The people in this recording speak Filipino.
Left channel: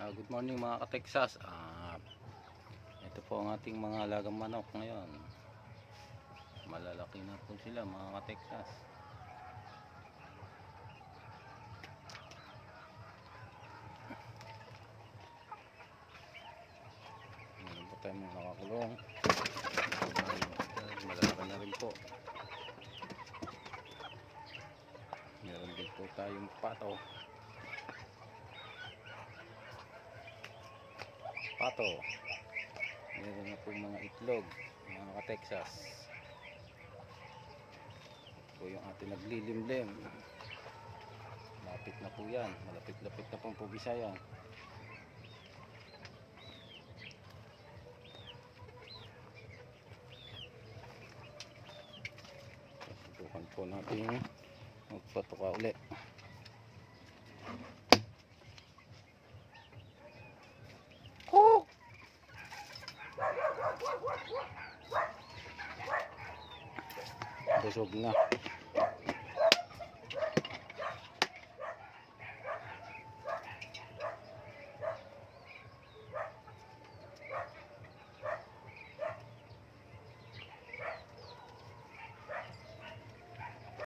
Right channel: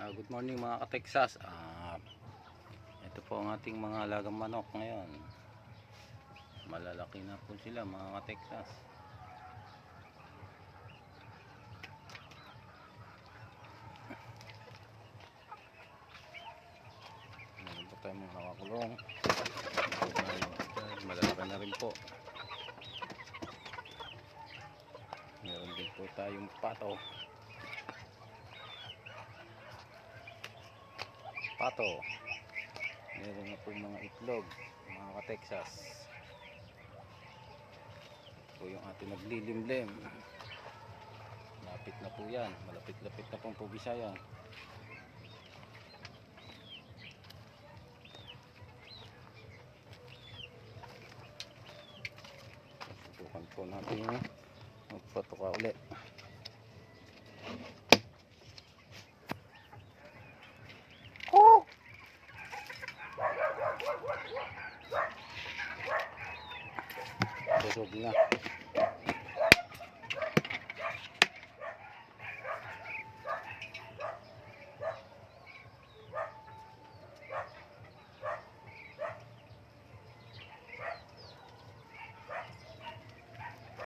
Good morning mga ka-Texas. Ito po ang ating mga alagang manok ngayon. Malalaki na po sila mga ka-Texas. Meron po tayong mga nakakulong. Malalaki na rin po. Meron din po tayong pato. Meron na po mga itlog mga ka-Texas. Ito po yung ating naglilimlim. Lapit na po yan, malapit-lapit na pong Pugisayan. Subukan po natin magpatuka ulit. Busog na.